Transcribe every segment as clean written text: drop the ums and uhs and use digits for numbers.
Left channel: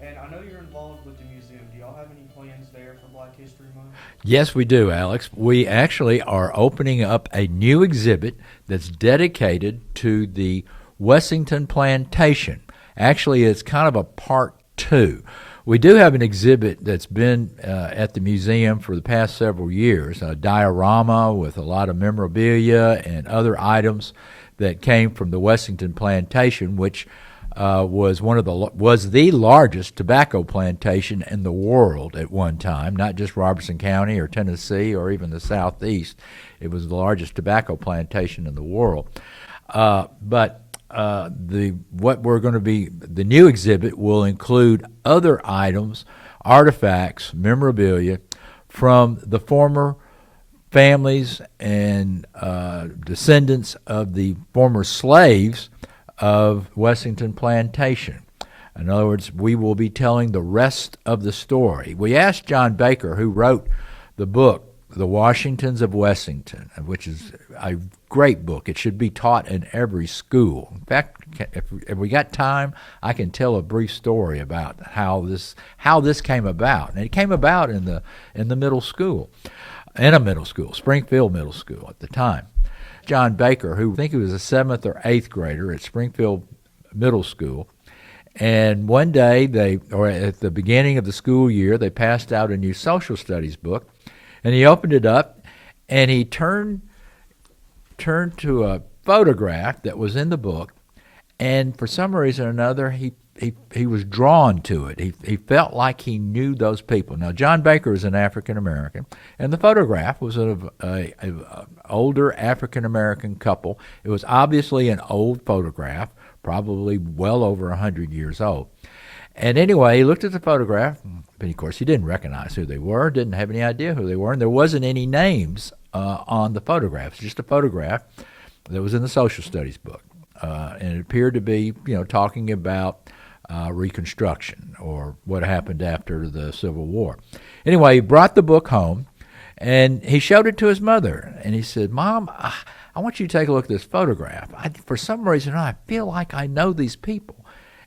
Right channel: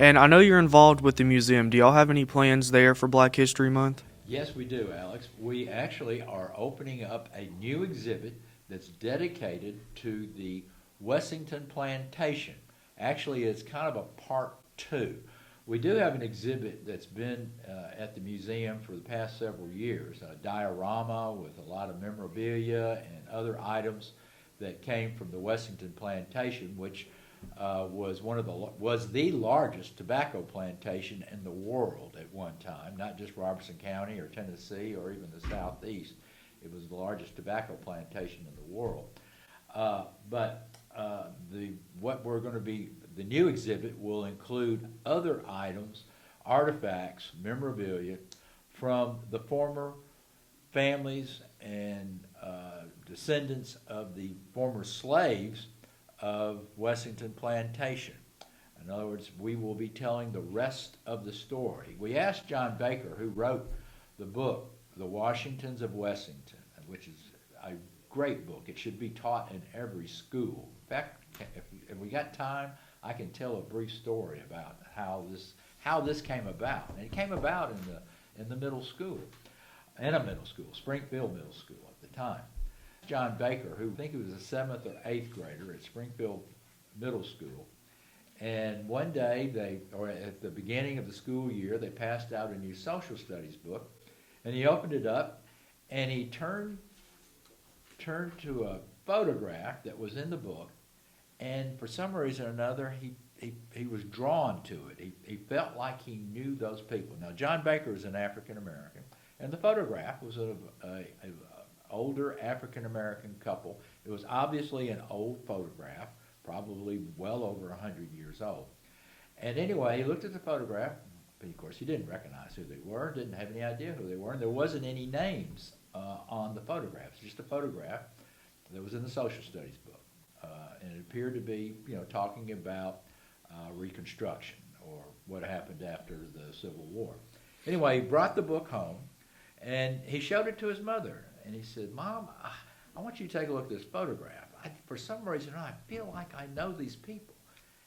And I know you're involved with the museum. Do y'all have any plans there for Black History Month? Yes, we do, Alex. We actually are opening up a new exhibit that's dedicated to the Wessington Plantation. Actually, it's kind of a part two. We do have an exhibit that's been at the museum for the past several years, a diorama with a lot of memorabilia and other items that came from the Wessington Plantation, which was the largest tobacco plantation in the world at one time, not just Robertson County or Tennessee or even the Southeast. It was the largest tobacco plantation in the world. But what we're going to be the new exhibit will include other items, artifacts, memorabilia from the former families and descendants of the former slaves of Wessington Plantation. In other words, we will be telling the rest of the story. We asked John Baker, who wrote the book, The Washingtons of Wessington, which is a great book. It should be taught in every school. In fact, if we got time, I can tell a brief story about how this came about. And it came about in the middle school, Springfield Middle School at the time. John Baker, who I think he was a 7th or 8th grader at Springfield Middle School, and one day at the beginning of the school year, they passed out a new social studies book, and he opened it up, and he turned to a photograph that was in the book, and for some reason or another, he was drawn to it. He felt like he knew those people. Now, John Baker is an African American, and the photograph was of a older African American couple. It was obviously an old photograph, probably well over 100 years old. And anyway, he looked at the photograph, but of course he didn't recognize who they were, didn't have any idea who they were, and there wasn't any names on the photograph. It's just a photograph that was in the social studies book. And it appeared to be, talking about Reconstruction or what happened after the Civil War. Anyway, he brought the book home, and he showed it to his mother, and he said, "Mom, I want you to take a look at this photograph. For some reason, I feel like I know these people."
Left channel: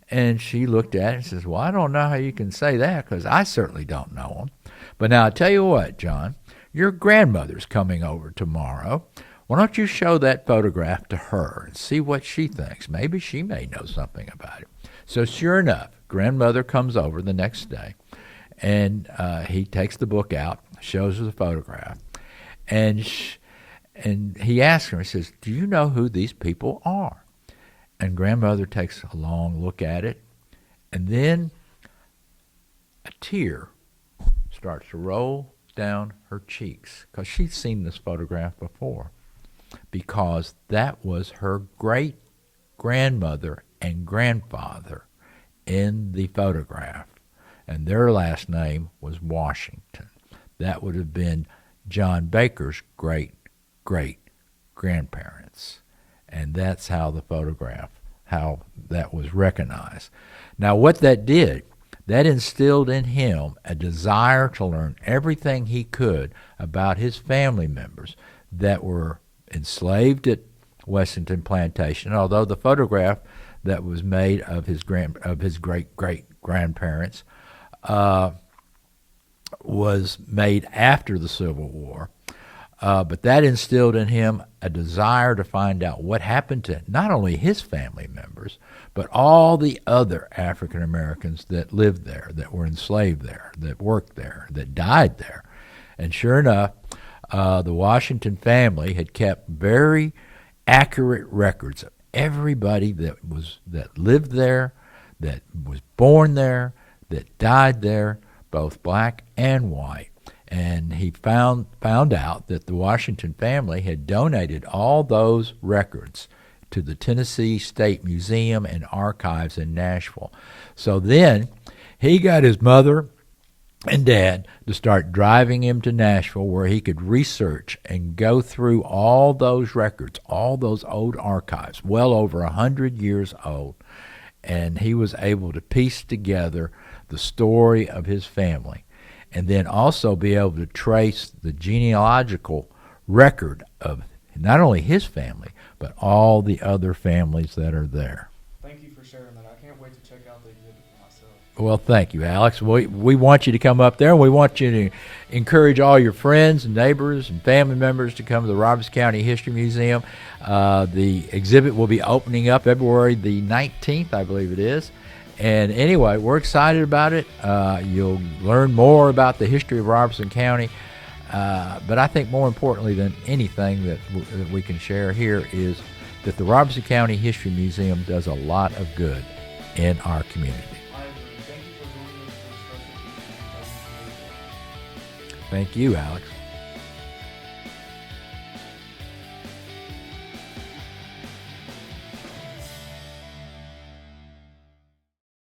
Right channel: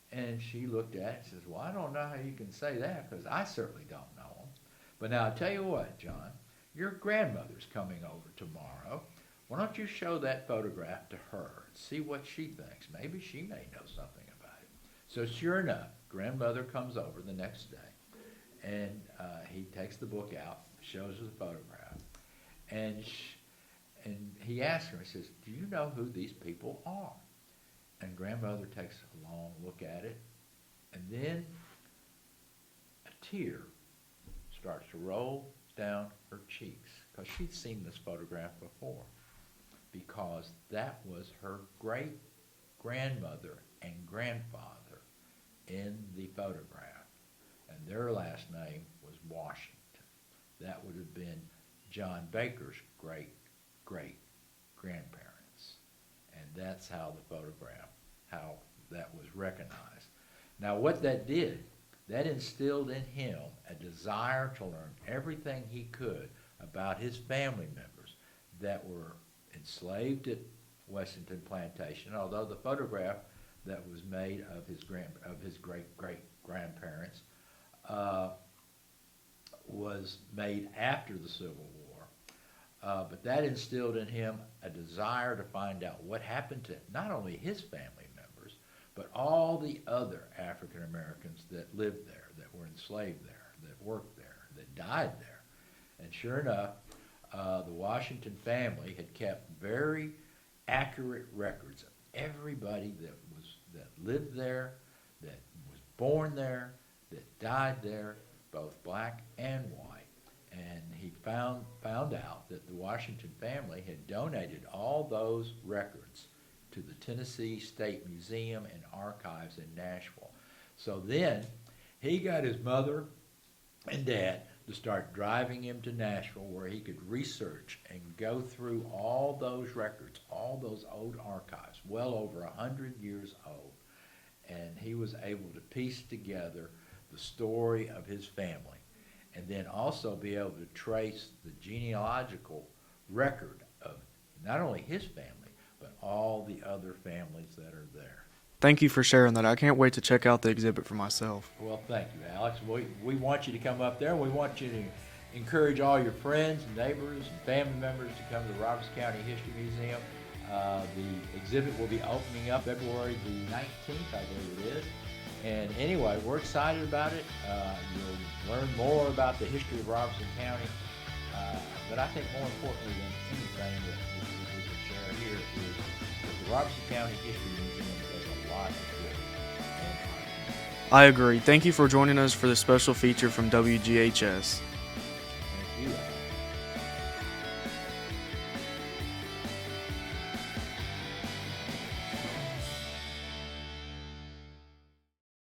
And she looked at it and says, "Well, I don't know how you can say that because I certainly don't know them. But now, I tell you what, John, your grandmother's coming over tomorrow. Why don't you show that photograph to her and see what she thinks? Maybe she may know something about it." So sure enough, grandmother comes over the next day, and he takes the book out, shows her the photograph, and he asks her, he says, "Do you know who these people are?" And grandmother takes a long look at it, and then a tear starts to roll down her cheeks because she'd seen this photograph before, because that was her great grandmother and grandfather in the photograph, and their last name was Washington. That would have been John Baker's great great grandparents, and that's how how that was recognized. Now, what that did, that instilled in him a desire to learn everything he could about his family members that were enslaved at Wessington Plantation. Although the photograph that was made of his great great grandparents was made after the Civil War, but that instilled in him a desire to find out what happened to not only his family members, but all the other African Americans that lived there, that were enslaved there, that worked there, that died there. And sure enough, the Washington family had kept very accurate records of everybody that lived there, that was born there, that died there, both black and white. And he found out that the Washington family had donated all those records to the Tennessee State Museum and Archives in Nashville. So then he got his mother and dad to start driving him to Nashville, where he could research and go through all those records, all those old archives, well over 100 years old. And he was able to piece together the story of his family, and then also be able to trace the genealogical record of not only his family, but all the other families that are there. Thank you for sharing that. I can't wait to check out the exhibit for myself. Well, thank you, Alex. We want you to come up there, and we want you to encourage all your friends and neighbors and family members to come to the Robertson County History Museum. The exhibit will be opening up February the 19th, I believe it is. And anyway, we're excited about it. You'll learn more about the history of Robertson County. But I think more importantly than anything that we can share here is that the Robertson County History Museum does a lot of good in our community. I agree. Thank you for joining us for this special feature from WGHS. Thank you, Alex.